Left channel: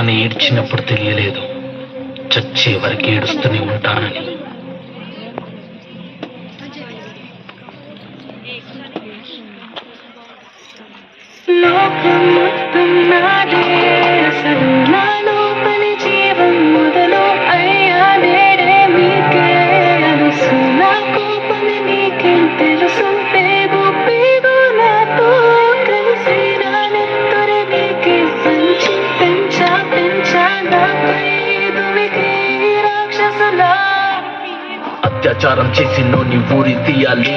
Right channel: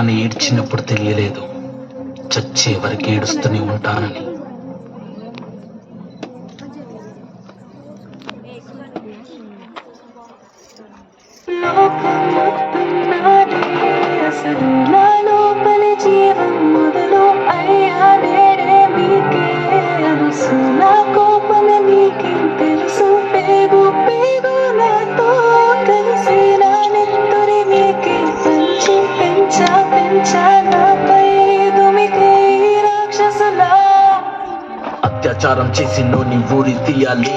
నాన్న ఏడ్చినప్పుడు తెలియలేదు, చచ్చే వరకు ఏడుస్తూనే ఉంటానని. అత్యాచారం చేసి నోని ఊరి తీయాలి,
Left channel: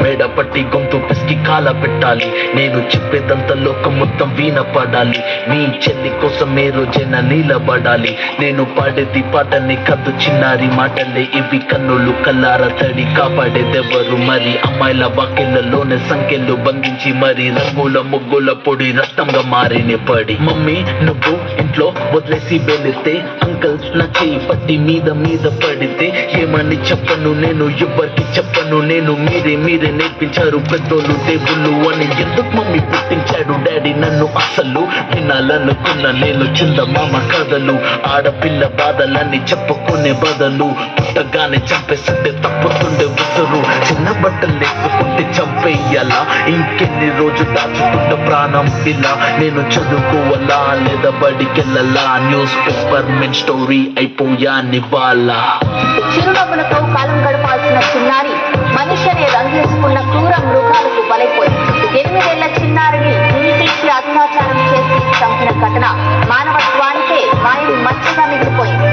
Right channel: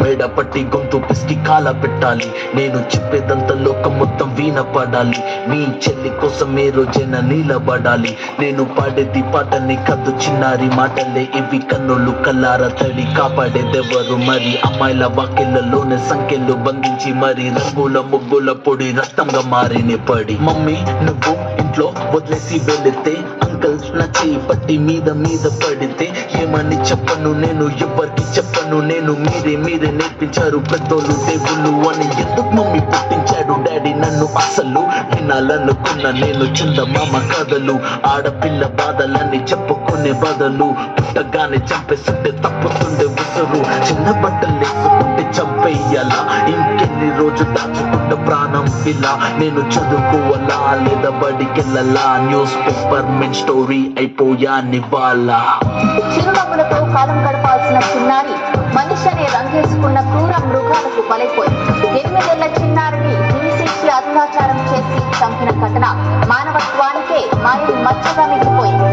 మేడ పట్టి గొంతు పిసికి కాల పెట్టాలి. నేను చెప్పేదంతా లోకం మొత్తం వీణ పడాలి. నీ చెల్లి కోసం ఏ రోజైనా నిలబడాలి. నేను పాడేది పాటని కద్దు చిన్నారి మాటలే ఇవి, కన్నులు కల్లార తడి కాపాడేదెవరు మరి? అమ్మాయిల వాకిళ్లలోనే సంఖ్యలు బంధించి మరి రంగుల ముగ్గుల పొడి రక్తంగా మారిన పడి. మమ్మీ నువ్వు ఇంట్లో వదిలేసి వెళితే, అంకల్ నా చేయి పట్టి మీద మీద పడితే ఏమని చెప్పను నేను, ఎవరికి చెప్పను నేను. మీరే నేర్పించారు పెద్దోళ్ళు దేవుళ్ళు అని. ఎందుకు మమ్మీ పుట్టించాడు డాడీ నన్ను? అసలు వినాలనుకున్న నేను చందమామ కథలు. ఆడపిల్ల బాధలన్నీ చెప్పుకునే బదులు పుట్టగానే చంపేస్తుంటే తప్పుతుండే ఉసురు. చిన్న బట్టలు వేసుకుంటే చంపేయాలా? ఇంకెన్ని రోజు దాచుకుంట ప్రాణం ఇలా? నేను చదువుకోవాలా లేదా బడికెళ్ళాలా? న్యూస్ పేపర్ మెన్ స్టోరీ అయిపోయా నివాళ. చిరునవ్వులతో కాలం గడపాల్సిన చిన్నారి మనిషిని రంగేసుకున్న క్రూర మృగాలకు బలైపోయింది. 8 ఏళ్ల చిన్నారిని హింసించి అత్యాచారం చేసి చంపిన ఘటన మానవత్వానికే మాయలు మచ్చగా మిగిలిపోయింది.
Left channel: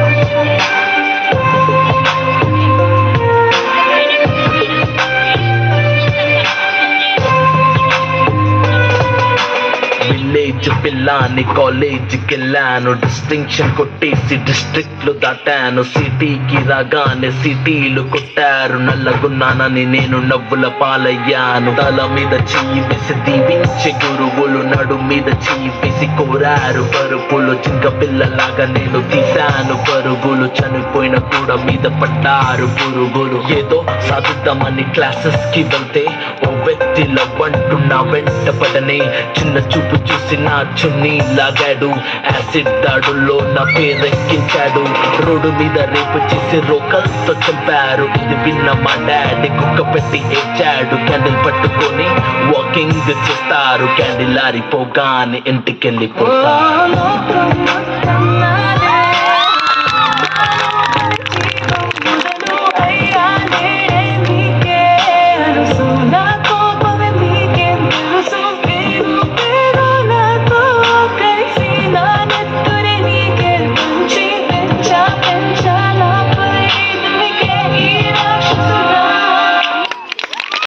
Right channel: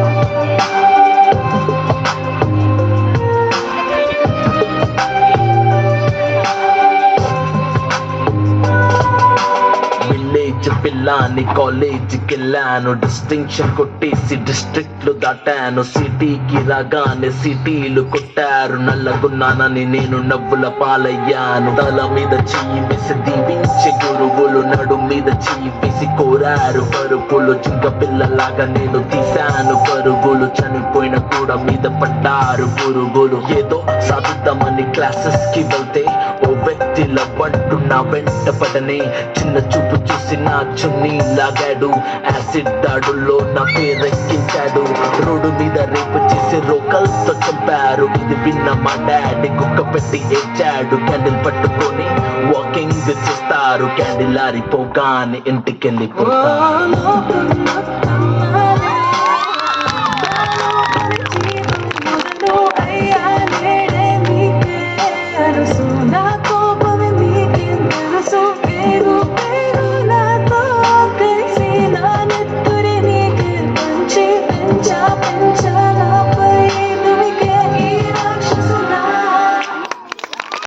విలేజ్ పిల్లాని కాలేజీకి వెళ్ళాను, డిస్టింక్షన్ కొట్టేసి డిస్ట్రిక్ట్లు దాటాను. సిటీకి రాగానే సిటీలు కొట్టారు, నల్లగున్నానని నేను నవ్వుల పాలయ్యాను. తల మీద చెయ్యి వేసి దీవించే గురువులు, నడు మీద చెయ్యి వేసి కోరారు పరుపులు. చింక పిల్లలాగా నేను తీశాను పరుగులు, చనిపోయిన కూడా మీద పడ్డారు పురుగులు. ఏదో సాధిద్దామని క్లాసెస్ కి వెళ్తే ఓ వ్యక్తి లవ్వంటూ నా వెంట పడనే, చిన్న చూపు చూసి నా చున్నీ లాగాడు. యాసిడ్ దాడుల్లో నా పేరెక్కించాడు, రోడ్డు మీద రేపు చేసి రోకల్తో చంపారు. ఇది విన్న మా డాడీ కుక్క పెట్టి ఏడ్చాడు. క్యాండిల్ పట్టుకొని వాకింగ్ చేస్తారు, క్యాండిల్ ఆరిపోగానే ఇంటికెళ్ళిపోతారు.